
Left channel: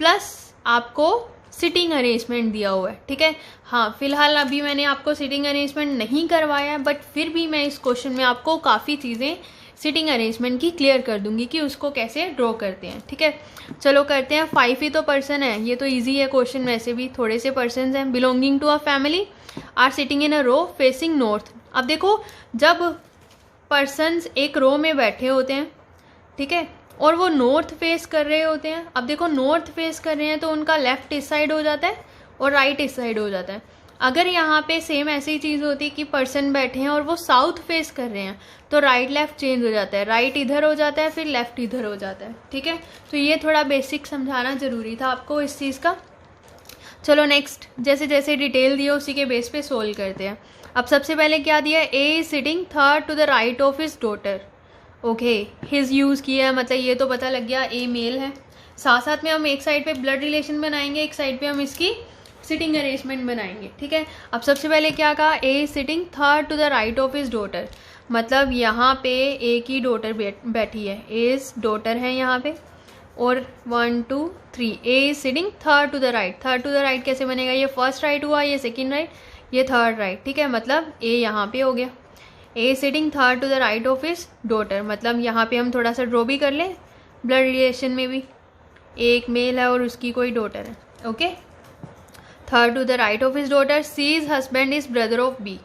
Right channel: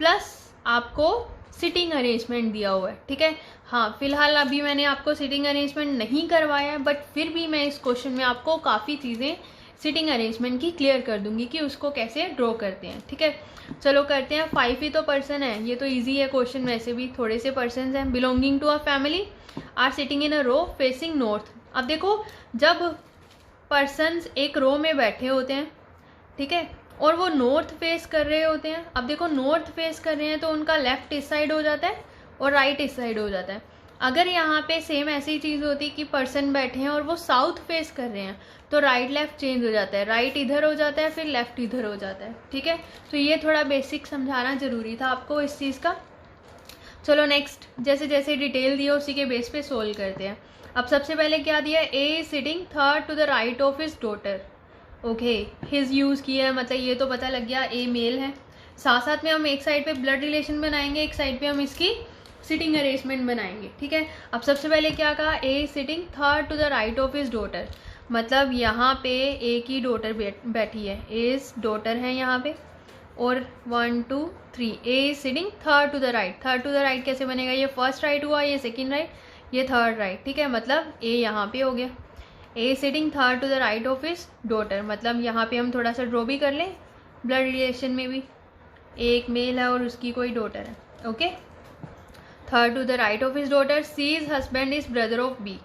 प्लस आपको सिटिंग अरेंजमेंट दिया हुआ है, ठीक है। हाँ फिलहाल अभी मैंने आपको सिटिंग अरेंजमेंट नहीं करवाया है, बट फिर भी मैं इस क्वेश्चन में आपको काफ़ी चीज़ें सिटिंग अरेंजमेंट की क्लियर कर दूंगी कि उसको कैसे ड्रॉ करते हैं, ठीक है। चलो करते हैं। 5 ही तो पर्सन है, ये तो ईजी है क्वेश्चन, वैसे भी थोड़े से पर्सन हैं। Belonging to a family are sitting in a row facing north. अब देखो जब पर्सन्स एक रो में बैठे होते हैं, ठीक है, और वो नॉर्थ फेस कर रहे होते हैं। अब देखो नॉर्थ फेस कर रहे हैं तो उनका लेफ्ट इस साइड हो जाता है और राइट इस साइड हो जाता है। अगर यहाँ पे सेम ऐसी चीज़ होती कि पर्सन बैठे हैं और वो साउथ फेस कर रहे हैं तो राइट लेफ्ट चेंज हो जाता है, राइट इधर हो जाता है फिर लेफ्ट इधर हो जाता है, ठीक है। तो ये थोड़ा बेसिक समझाना ज़रूरी था आपको इस चीज़ का। चलो नेक्स्ट, जैसे जैसे डिटेल दिया उसी के बेस पे सोल्व करते हैं। अब सबसे पहले क्या दिया, A is sitting third to the right of his daughter, okay. His use किया है, मतलब ये तो पता लग गया ए मेल है। साथ साथ में हम एक साइड पे ब्लड रिलेशन बनाएंगे, एक साइड पे हम इसकी सिटिंग अरेंजमेंट बनाएंगे, ठीक है। अब सबसे पहले क्या कहा, A is sitting third to the right of his daughter, मतलब यहाँ पे ए की डॉटर बैठी है, एज डॉटर है यहाँ पे, और 1 2 3 A is sitting third to the right. Third to the right कैसे बनेगा, ये फर्स्ट राइट हुआ, ये सेकंड राइट, ये थर्ड राइट, ठीक है। मतलब ए यहाँ पे हो गया, A sitting third to the right of his daughter, मतलब यहाँ पे हम थोड़ा सा ड्रॉ भी कर लें, ब्लड रिलेशन में भी एक मेल है और उसकी कोई डॉटर है, okay. Third to the right of his daughter, C is husband is brother of B,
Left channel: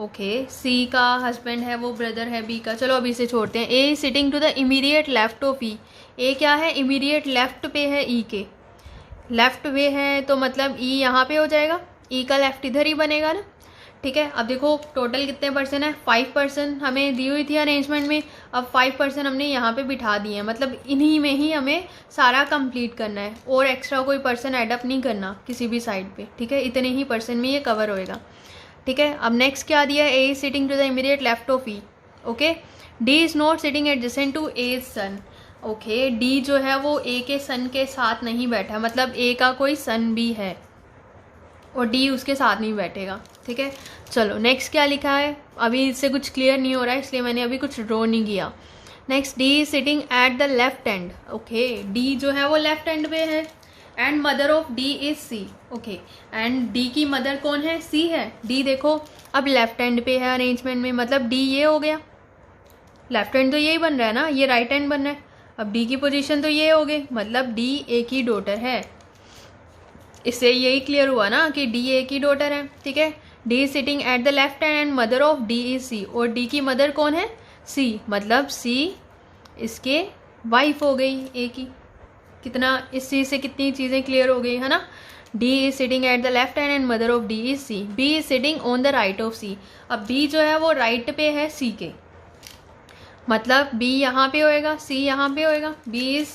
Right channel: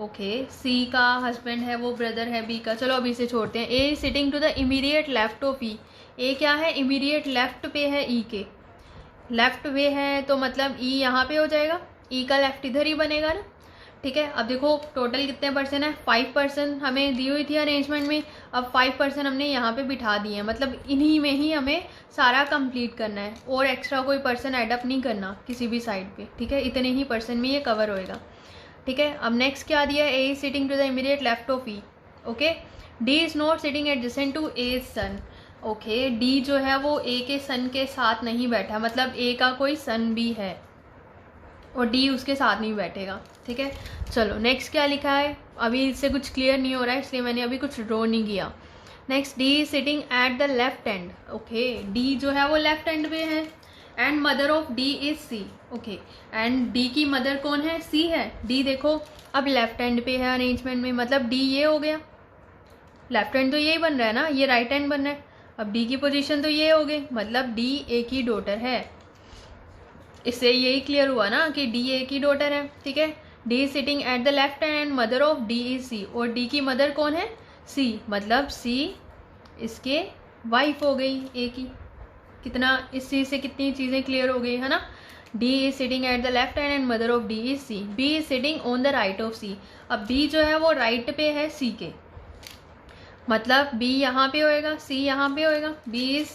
okay. C का हस्बैंड है वो ब्रदर है बी का, चलो अभी से छोड़ते हैं। A sitting to the immediate left of E, A क्या है, इमीडिएट लेफ्ट पे है ई के, लेफ्ट पे है तो मतलब ई यहाँ पे हो जाएगा, ई का लेफ्ट इधर ही बनेगा ना, ठीक है। अब देखो टोटल कितने पर्सन है, 5 पर्सन हमें दी हुई थी अरेंजमेंट में, अब 5 पर्सन हमने यहाँ पे बिठा दिए हैं, मतलब इन्हीं में ही हमें सारा कंप्लीट करना है और एक्स्ट्रा कोई पर्सन एडअप नहीं करना किसी भी साइड पे, ठीक है। इतने ही पर्सन में ये कवर होएगा, ठीक है। अब नेक्स्ट क्या दिया, A is sitting to the immediate left of E, okay. D is not sitting adjacent to A son. Okay, D जो है वो ए के सन के साथ नहीं बैठा, मतलब ए का कोई सन भी है और डी उसके साथ नहीं बैठेगा। ठीक है, चलो नेक्स्ट क्या लिखा है, अभी इससे कुछ क्लियर नहीं हो रहा है इसलिए मैंने अभी कुछ ड्रॉ नहीं किया। Next, D is sitting at the left end. Okay, D जो है वो लेफ्ट एंड पे है। And mother of D is C. Okay, and D की मदर कौन है, सी है। डी देखो अब लेफ्ट हैंड पे है अरेंजमेंट में, मतलब डी ये हो गया, लेफ्ट हैंड तो यही बन रहा है ना, ये राइट हैंड बन रहा है। अब डी की पोजीशन तो ये हो गई, मतलब डी ए की डॉटर है। इससे यही क्लियर हुआ ना कि डी ए की डॉटर है। ठीक है, D is sitting at the left hand and mother of D is C, और डी की मदर कौन है, सी, मतलब सी इसके वाइफ हो गई ए की। कितना इस चीज़ से कितनी चीज़ें क्लियर हो गई है ना। D is sitting at the left hand and mother of D is C. B is sitting on the right of C. अब बी जो है वो राइट पे है सी के, मतलब बी यहाँ पे होएगा, सी यहाँ पे होएगा। B is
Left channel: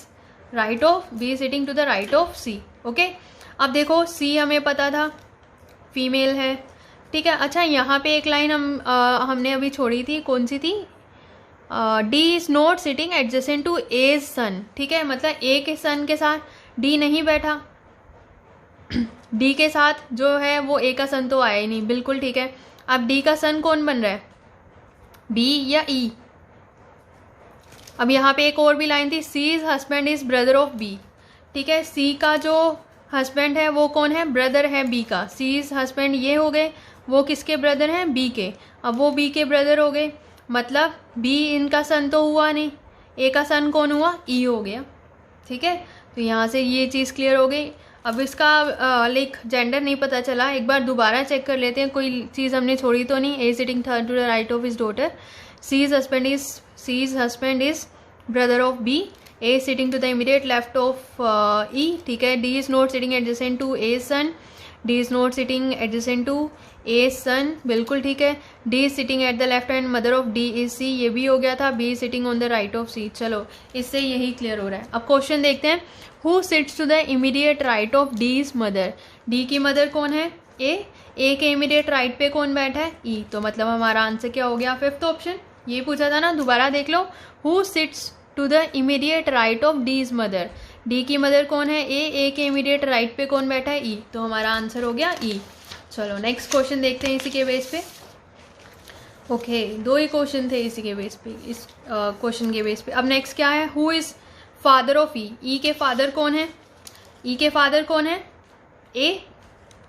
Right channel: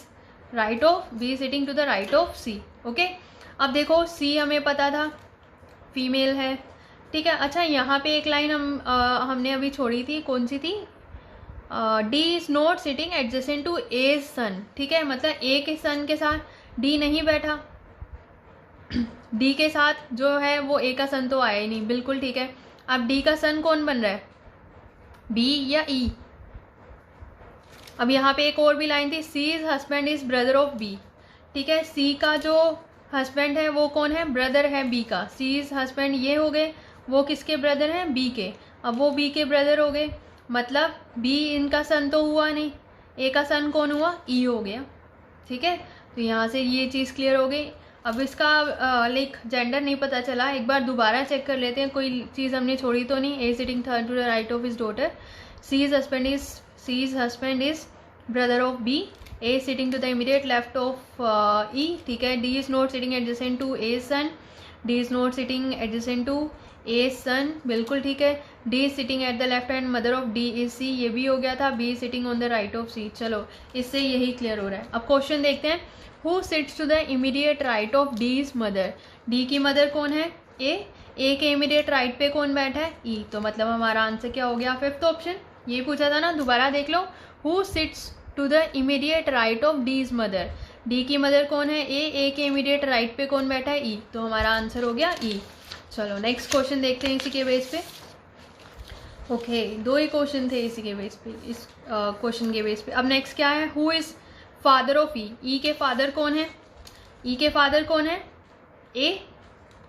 right of, B is sitting to the right of C. Okay, अब देखो सी हमें पता था फीमेल है। ठीक है, अच्छा यहाँ पे एक लाइन हमने अभी छोड़ी थी, कौन सी थी, D is not sitting adjacent to A son. ठीक है, मतलब ए के सन के साथ डी नहीं बैठा, डी के साथ जो है वो ए का सन तो आया ही नहीं, बिल्कुल ठीक है। अब डी का सन कौन बन रहा है, बी या ई। अब यहाँ पे एक और भी लाइन थी, C is husband is brother of B. ठीक है, सी का जो हस्बैंड है वो कौन है, ब्रदर है बी का। सी इज हस्बैंड ये हो गए, वो किसके ब्रदर हैं, बी के। अब वो बी के ब्रदर हो गए, मतलब बी इनका सन तो हुआ नहीं, ए का सन कौन हुआ, ई हो गया। ठीक है, तो यहाँ से ये चीज़ क्लियर हो गई। अब इसका लाइक जेंडर नहीं पता चला, एक बार दोबारा चेक कर लेते हैं, कोई चीज़ हमने छोड़ी तो नहीं। A sitting third to the right of his daughter, C is husband is brother of B, A sitting to the immediate left of E. ठीक है, D is not sitting adjacent to A son, D is not sitting adjacent to A son, बिल्कुल ठीक है। D is sitting at the left hand mother of D is C, ये भी हो गया था। B is sitting on the right of सी, चलो इससे यही क्लियर हो रहा है। अब क्वेश्चन देखते हैं, who sits to the immediate right of D is mother. D की मदर कौन है, ए के इमीडिएट राइट पे कौन बैठा है, ई। तो मतलब हमारा आंसर क्या हो गया, फिफ्थ ऑप्शन। ये पूछा था ना, दोबारा देख लो, who sits to the immediate right of D is mother. D की मदर कौन है, ए के इमीडिएट राइट पे कौन बैठा है, ई। तो हमारा आंसर हो गया ई। चलो नेक्स्ट क्वेश्चन देखते हैं इसी के बेस पे। ओके, दो ही क्वेश्चन थे इसी के बेस पे, इस क्वेश्चन के बेस पे। अब नेक्स्ट क्या है, who is father of E. ई के फादर कौन है, ई के फादर कौन है, ए।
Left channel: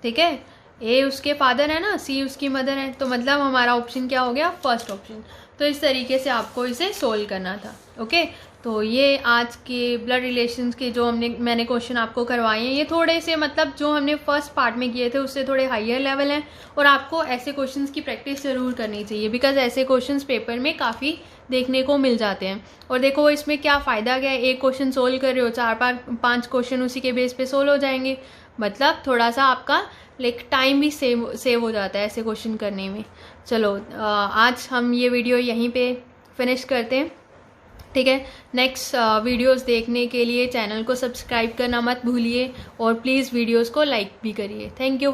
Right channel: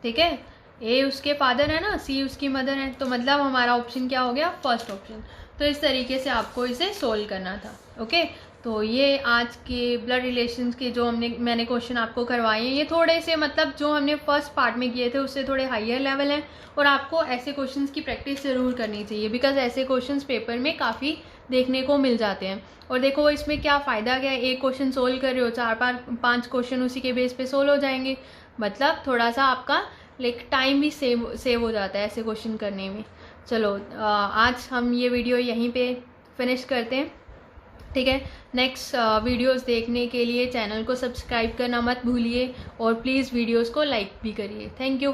ठीक है, ए उसके फादर है ना, सी उसकी मदर है, तो मतलब हमारा ऑप्शन क्या हो गया, फर्स्ट ऑप्शन। तो इस तरीके से आपको इसे सोल्व करना था। ओके, तो ये आज के ब्लड रिलेशंस के जो मैंने क्वेश्चन आपको करवाए हैं, ये थोड़े से मतलब जो हमने फर्स्ट पार्ट में किए थे उससे थोड़े हायर लेवल हैं, और आपको ऐसे क्वेश्चंस की प्रैक्टिस ज़रूर करनी चाहिए, बिकॉज ऐसे क्वेश्चंस पेपर में काफ़ी देखने को मिल जाते हैं। और देखो इसमें क्या फ़ायदा क्या है, एक क्वेश्चन सोल्व कर रहे हो, 4-5 क्वेश्चन उसी के बेस पे सोल्व हो जाएंगे, मतलब थोड़ा सा आपका लाइक टाइम भी सेव हो जाता है ऐसे क्वेश्चन करने में। चलो आज हम ये वीडियो यहीं पे फिनिश करते हैं। ठीक है, नेक्स्ट वीडियोस देखने के लिए चैनल को सब्सक्राइब करना मत भूलिए, और प्लीज़ वीडियोस को लाइक भी करिए। Thank you.